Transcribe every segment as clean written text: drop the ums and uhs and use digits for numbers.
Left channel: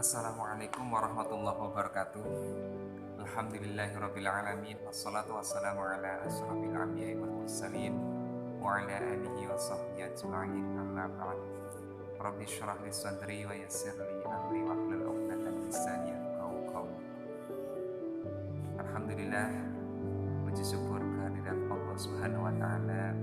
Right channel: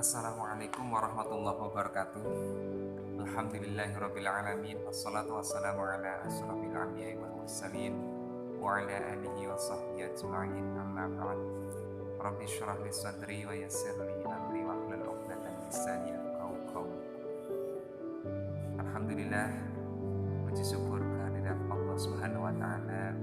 Assalamualaikum warahmatullahi wabarakatuh. Alhamdulillahirrabbilalamin. Wassalatu wassalamu ala asyrafil anbiya'i wal mursalin wa ala alihi wa sahbihi ajma'in, amma ba'd. Rabbi syrah li sadri wa yassir li amri wa hlul 'uqdatam min lisani yafqahu qawli. Alhamdulillah, puji syukur kehadirat Allah Subhanahu wa taala.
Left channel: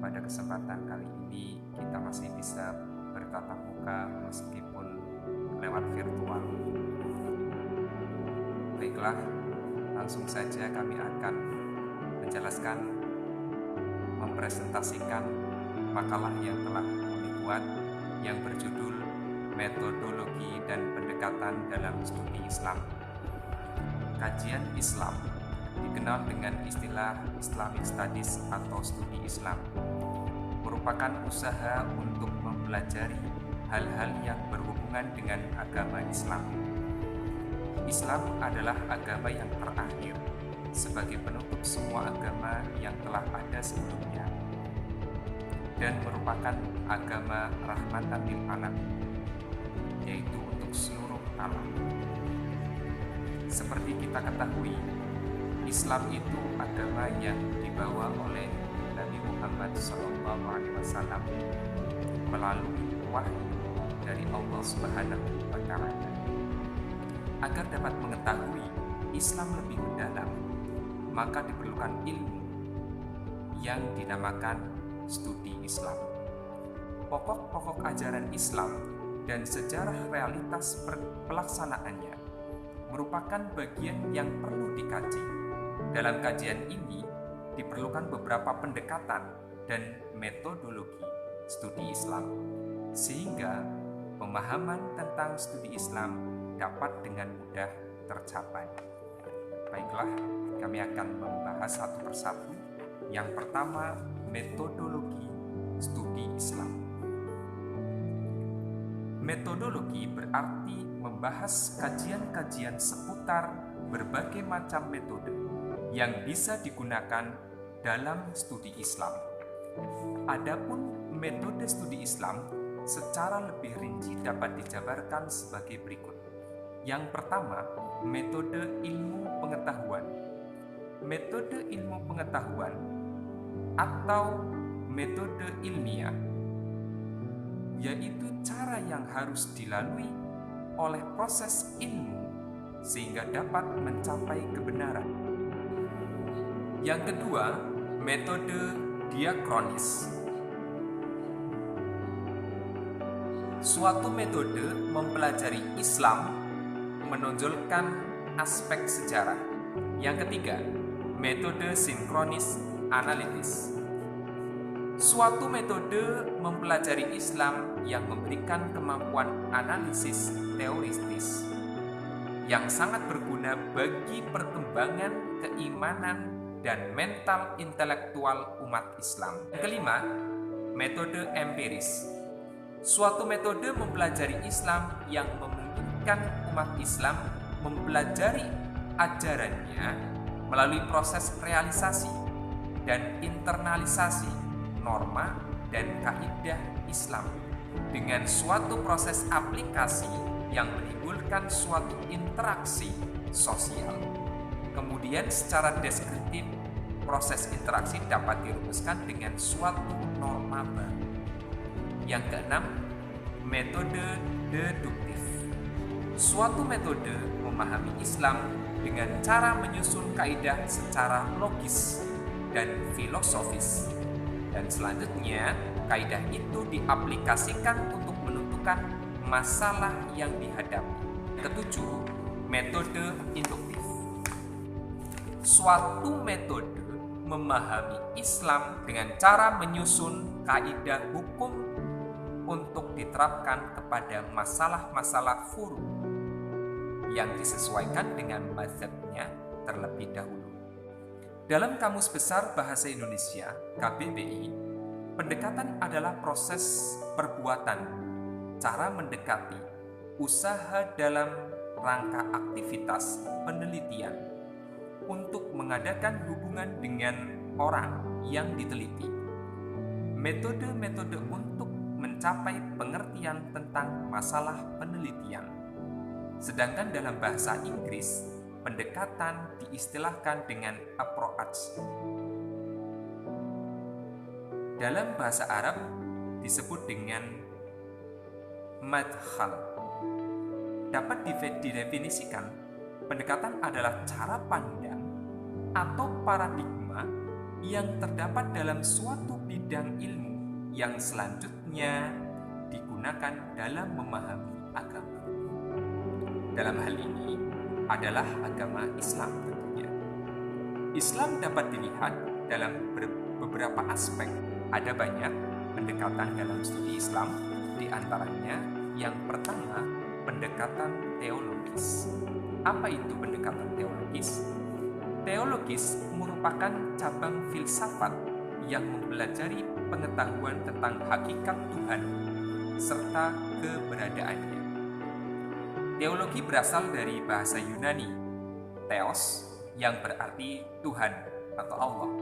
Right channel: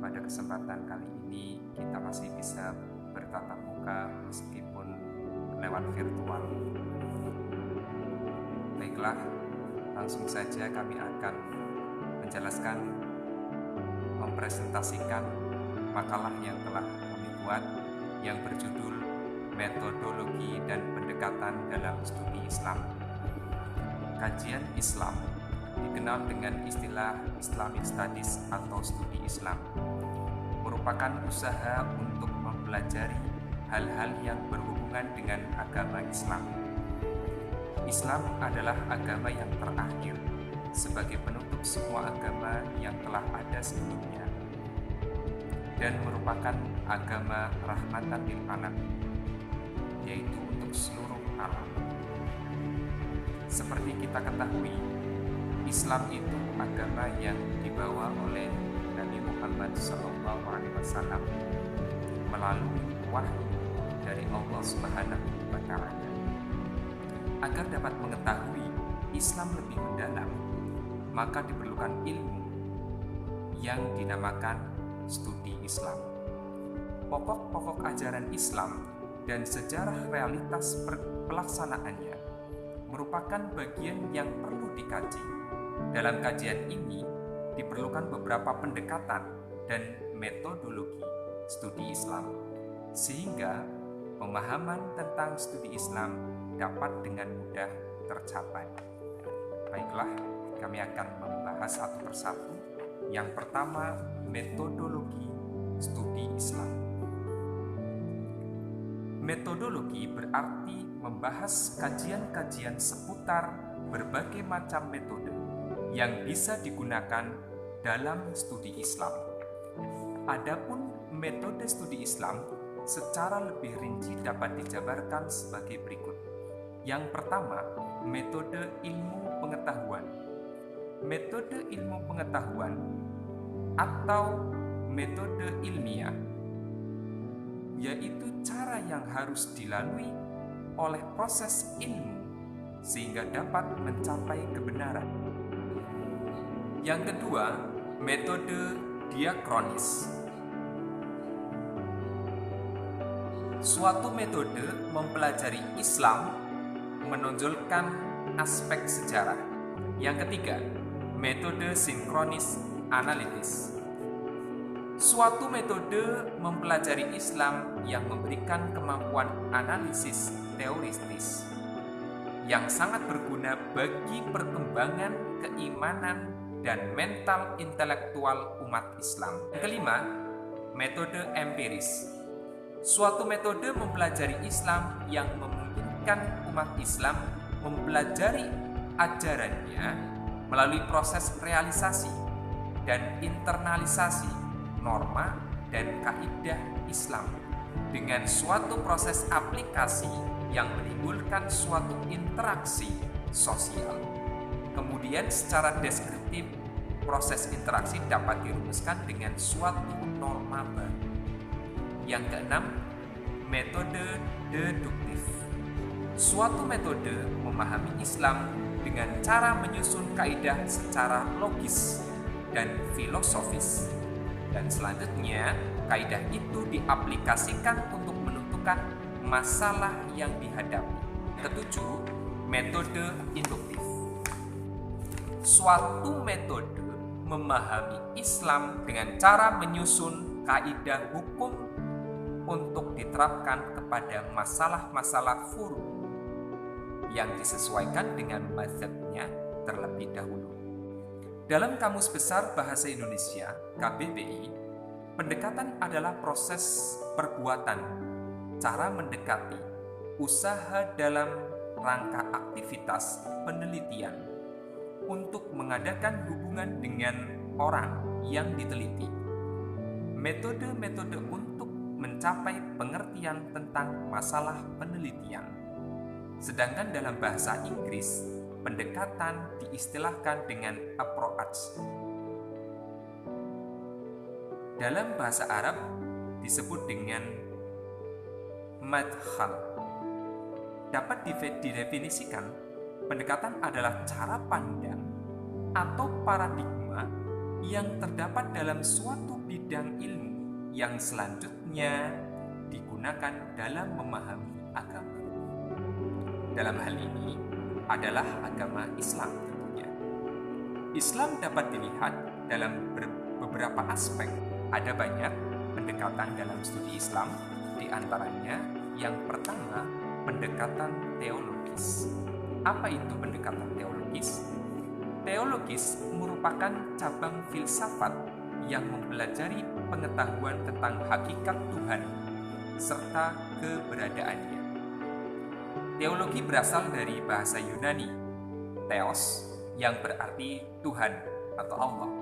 Pada kesempatan kali ini kita masih bisa bertatap muka meskipun lewat virtual. Baiklah, langsung saja kami akan menjelaskan, mempresentasikan makalah yang telah kami buat yang berjudul Metodologi dan Pendekatan dalam Studi Islam. Kajian Islam dikenal dengan istilah Islamic Studies atau studi Islam, merupakan usaha untuk mempelajari hal-hal yang berhubungan dengan agama Islam. Islam adalah agama yang terakhir sebagai penutup semua agama yang telah ada sebelumnya dan merupakan agama rahmatan lil alamin, yaitu untuk seluruh alam. Seperti kita ketahui, Islam itu agama yang dibawa oleh Nabi Muhammad SAW melalui wahyu dari Allah Subhanahu wa taala. Agar dapat mengetahui Islam lebih mendalam, maka diperlukan ilmu yang dinamakan studi Islam. Pokok-pokok ajaran Islam dan sejarah realitas pelaksanaannya merupakan bagian yang perlu dikaji. Dalam kajian ini diperlukan beberapa pendekatan dan metodologi studi Islam, sehingga pemahaman tentang studi Islam dapat dengan mudah tercapai. Baiklah, kami akan membahas satu persatu. Yang pertama, metodologi studi Islam. Metodologi berarti membahas kajian-kajian seputar berbagai macam metode yang bisa digunakan dalam studi Islam. Adapun metode studi Islam secara lebih rinci dapat dijabarkan sebagai berikut. Yang pertama, metode ilmu pengetahuan. Metode ilmu pengetahuan atau metode ilmiah, yaitu cara yang harus dilalui oleh proses ilmu sehingga dapat mencapai kebenaran. Yang kedua, metode diakronis. Suatu metode mempelajari Islam menonjolkan aspek sejarah. Yang ketiga, metode sinkronis analitis. Suatu metode mempelajari Islam yang memberikan kemampuan analisis teoritis yang sangat berguna bagi perkembangan keimanan dan mental intelektual umat Islam. Yang kelima, metode empiris. Suatu metode mempelajari Islam yang memungkinkan umat Islam mempelajari ajarannya melalui proses realisasi dan internalisasi norma dan kaidah Islam dengan suatu proses aplikasi yang menimbulkan suatu interaksi sosial. Kemudian secara deskriptif, proses interaksi dapat dirumuskan dengan suatu norma baru. Yang keenam, metode deduktif. Suatu metode memahami Islam dengan cara menyusun kaidah secara logis dan filosofis. Dan selanjutnya, kaidah itu diaplikasikan untuk menentukan masalah yang dihadapi. Ketujuh, metode induktif. Suatu metode memahami Islam dengan cara menyusun kaidah hukum untuk diterapkan kepada masalah-masalah furu yang disesuaikan dengan mazhabnya terlebih dahulu. Dalam Kamus Besar Bahasa Indonesia (KBBI), pendekatan adalah proses perbuatan, cara mendekati, usaha dalam rangka aktivitas penelitian untuk mengadakan hubungan dengan orang yang diteliti. Metode-metode untuk mencapai pengertian tentang masalah penelitian. Sedangkan dalam bahasa Inggris, pendekatan diistilahkan dengan approach. Dalam bahasa Arab disebut dengan madkhal. Dapat didefinisikan, pendekatan adalah cara pandang atau paradigma yang terdapat dalam suatu bidang ilmu yang selanjutnya digunakan dalam memahami agama. Dalam hal ini adalah agama Islam tentunya. Islam dapat dilihat dalam beberapa aspek. Ada banyak pendekatan dalam studi Islam, di antaranya yang pertama, pendekatan teologis. Apa itu pendekatan teologis? Teologis merupakan cabang filsafat yang mempelajari pengetahuan tentang hakikat Tuhan serta keberadaannya. Teologi berasal dari bahasa Yunani, theos, yang berarti Tuhan atau Allah,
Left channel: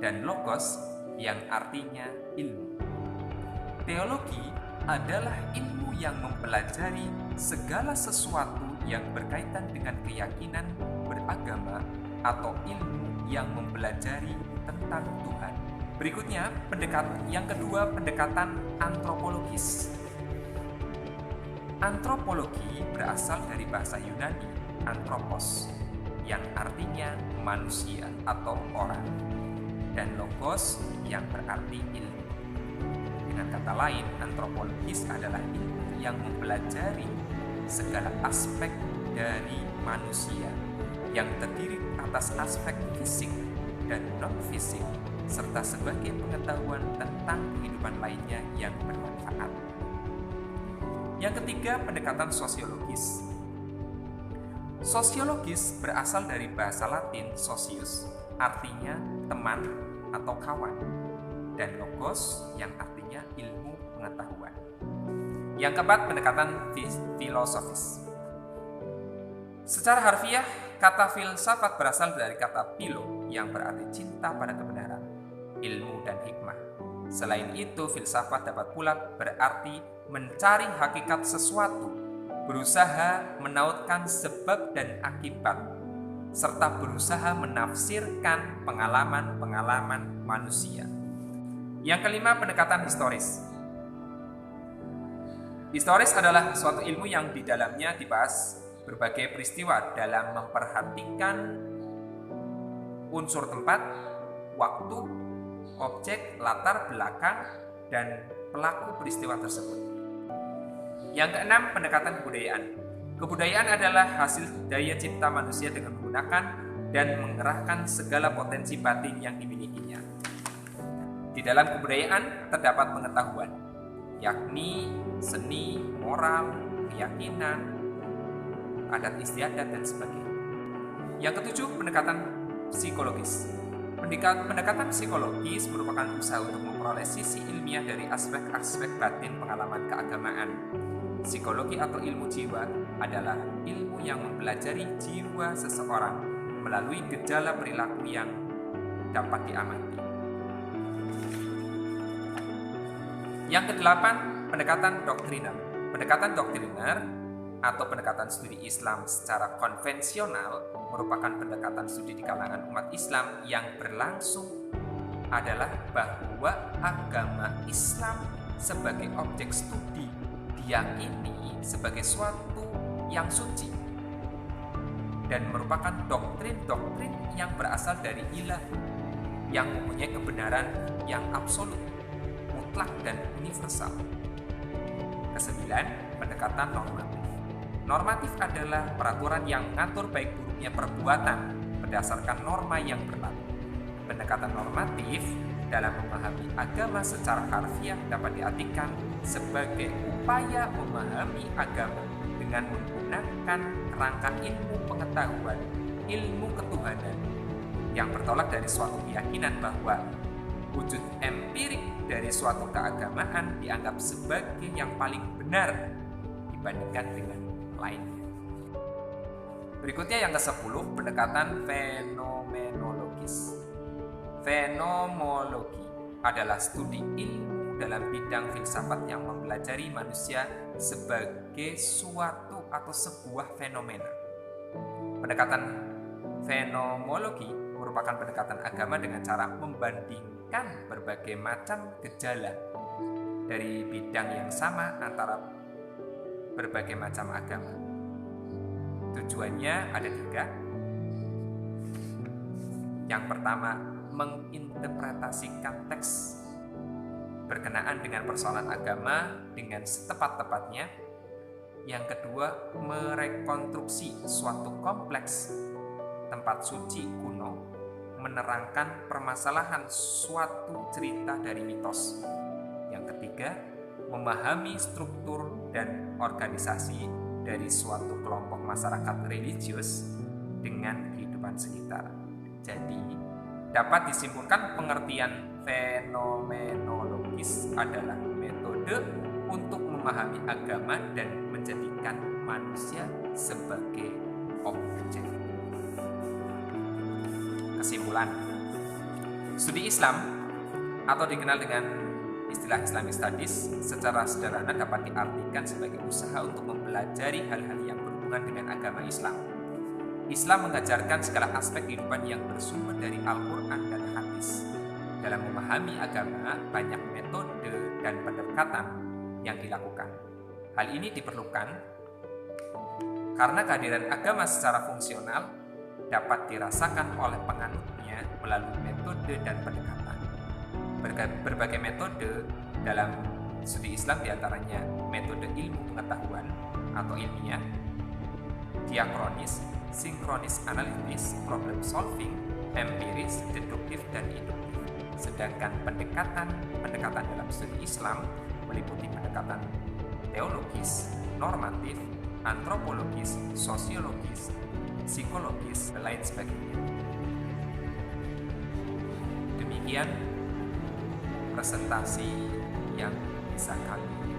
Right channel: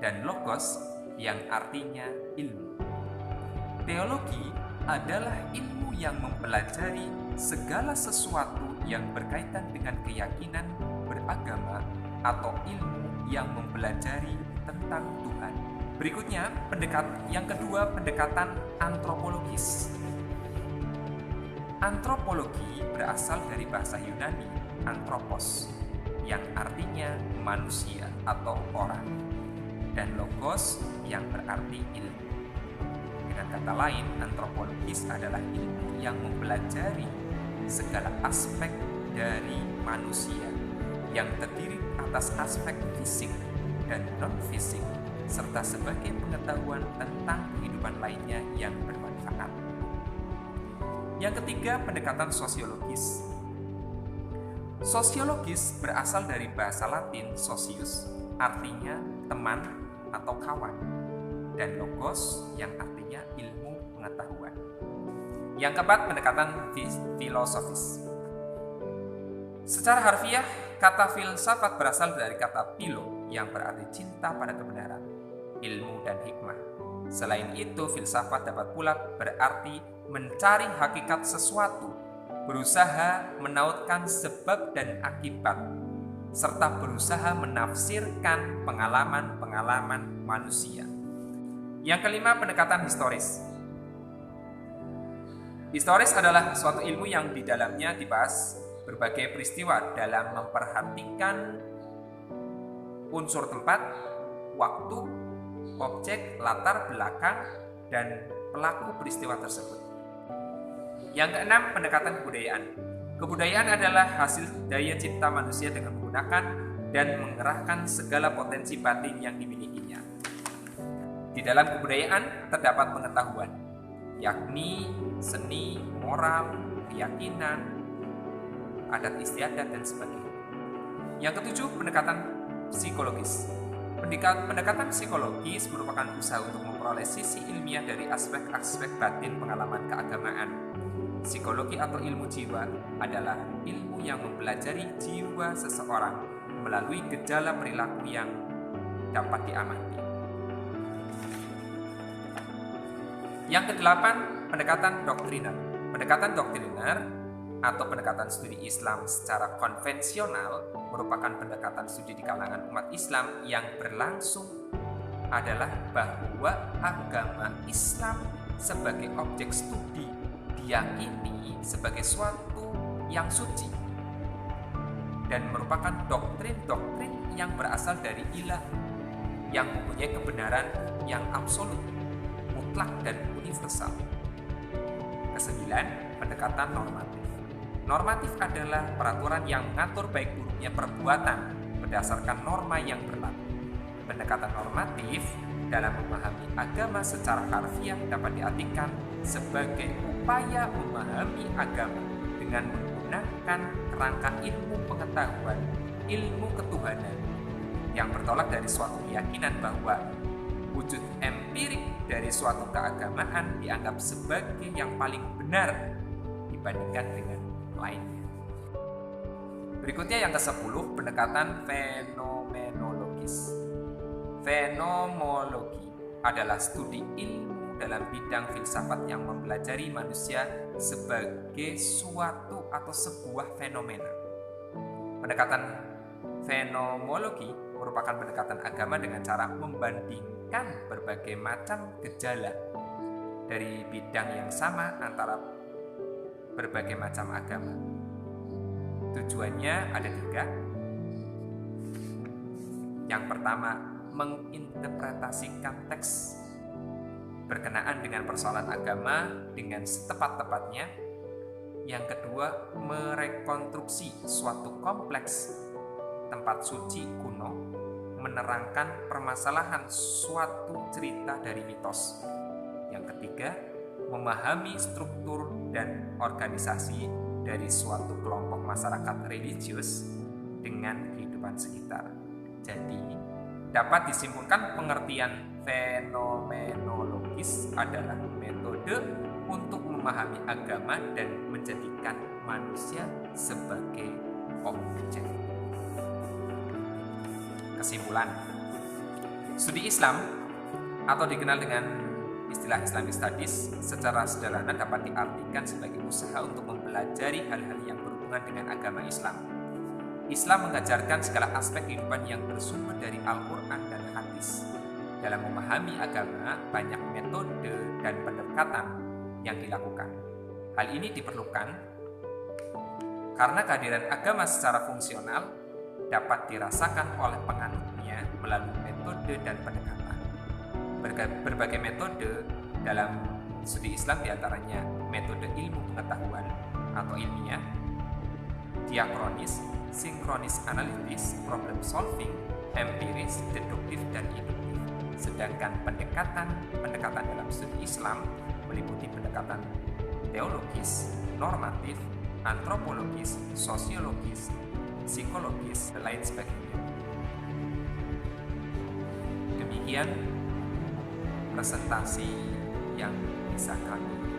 dan logos, yang artinya ilmu. Teologi adalah ilmu yang mempelajari segala sesuatu yang berkaitan dengan keyakinan beragama atau ilmu yang mempelajari tentang Tuhan. Berikutnya, yang kedua, pendekatan antropologis. Antropologi berasal dari bahasa Yunani anthropos, yang artinya manusia atau orang, dan logos yang berarti ilmu. Dengan kata lain, antropologis adalah ilmu yang mempelajari segala aspek dari manusia yang terdiri atas aspek fisik dan non-fisik, serta sebagai pengetahuan tentang kehidupan lainnya yang bermanfaat. Yang ketiga, pendekatan sosiologis. Sosiologis berasal dari bahasa Latin socius, artinya teman atau kawan, dan logos yang artinya ilmu pengetahuan. Yang keempat, pendekatan filosofis. Secara harfiah, kata filsafat berasal dari kata philo yang berarti cinta pada kebenaran, ilmu dan hikmah. Selain itu, filsafat dapat pula berarti mencari hakikat sesuatu, berusaha menautkan sebab dan akibat, serta berusaha menafsirkan pengalaman-pengalaman manusia. Yang kelima, pendekatan historis. Historis adalah suatu ilmu yang di dalamnya dibahas berbagai peristiwa dalam memperhatikan unsur tempat, waktu, objek, latar belakang, dan pelaku peristiwa tersebut. Yang keenam, pendekatan kebudayaan. Kebudayaan adalah hasil daya cipta manusia dengan menggunakan dan mengerahkan segala potensi batin yang dimilikinya. Di dalam kebudayaan terdapat pengetahuan, yakni seni, moral, keyakinan, adat istiadat, dan sebagainya. Yang ketujuh, pendekatan psikologis. Pendekatan psikologis merupakan usaha untuk memperoleh sisi ilmiah dari aspek-aspek batin pengalaman keagamaan. Psikologi atau ilmu jiwa adalah ilmu yang mempelajari jiwa seseorang melalui gejala perilaku yang dapat diamati. Yang kedelapan, pendekatan doktriner. Pendekatan doktriner atau pendekatan studi Islam secara konvensional merupakan pendekatan studi di kalangan umat Islam yang berlangsung adalah bahwa agama Islam sebagai objek studi diyakini sebagai suatu yang suci dan merupakan doktrin-doktrin yang berasal dari ilahi yang mempunyai kebenaran yang absolut, mutlak, dan universal. Kesembilan, pendekatan normatif. Normatif adalah peraturan yang mengatur baik buruknya perbuatan berdasarkan norma yang berlaku. Pendekatan normatif dalam memahami agama secara harfiah dapat diartikan sebagai upaya memahami agama dengan menggunakan kerangka ilmu pengetahuan, ilmu ketuhanan yang bertolak dari suatu keyakinan bahwa wujud empirik dari suatu keagamaan dianggap sebagai yang paling benar dibandingkan dengan lainnya. Berikutnya yang ke-10, pendekatan fenomenologis. Fenomenologi adalah studi ilmu ilmu dalam bidang filsafat yang mempelajari manusia sebagai suatu atau sebuah fenomena. Pendekatan fenomenologi merupakan pendekatan agama dengan cara membandingkan berbagai macam gejala dari bidang yang sama antara berbagai macam agama. Tujuannya ada 3. Yang pertama, menginterpretasikan teks berkenaan dengan persoalan agama dengan setepat-tepatnya. Yang kedua, merekonstruksi suatu kompleks tempat suci kuno, menerangkan permasalahan suatu cerita dari mitos. Yang ketiga, memahami struktur dan organisasi dari suatu kelompok masyarakat religius dengan kehidupan sekitar. Jadi, dapat disimpulkan pengertian fenomenologis adalah metode untuk memahami agama dan menjadikan manusia sebagai objek. Kesimpulan, studi Islam atau dikenal dengan istilah Islamic Studies secara sederhana dapat diartikan sebagai usaha untuk mempelajari hal-hal yang berhubungan dengan agama Islam. Islam mengajarkan segala aspek kehidupan yang bersumber dari Al-Quran dan hadis. Dalam memahami agama, banyak metode dan pendekatan yang dilakukan. Hal ini diperlukan karena kehadiran agama secara fungsional dapat dirasakan oleh penganutnya melalui metode dan pendekatan. Berbagai metode dalam studi Islam diantaranya metode ilmu pengetahuan atau ilmiah, diakronis, sinkronis analitis, problem solving, empiris, deduktif, dan induktif. Sedangkan pendekatan dalam studi Islam meliputi pendekatan teologis, normatif, antropologis, sosiologis, psikologis, dan lain sebagainya. Demikian presentasi yang bisa kami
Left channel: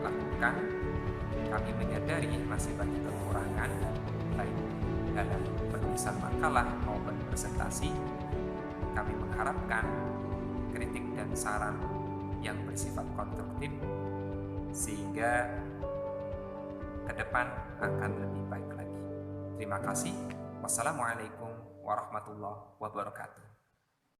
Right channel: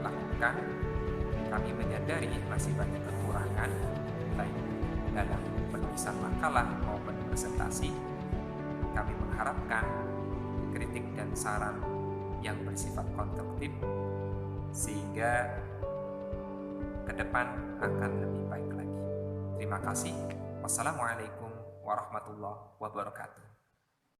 lakukan. Kami menyadari masih banyak kekurangan baik dalam penulisan makalah maupun presentasi. Kami mengharapkan kritik dan saran yang bersifat konstruktif sehingga ke depan akan lebih baik lagi. Terima kasih. Wassalamualaikum warahmatullahi wabarakatuh.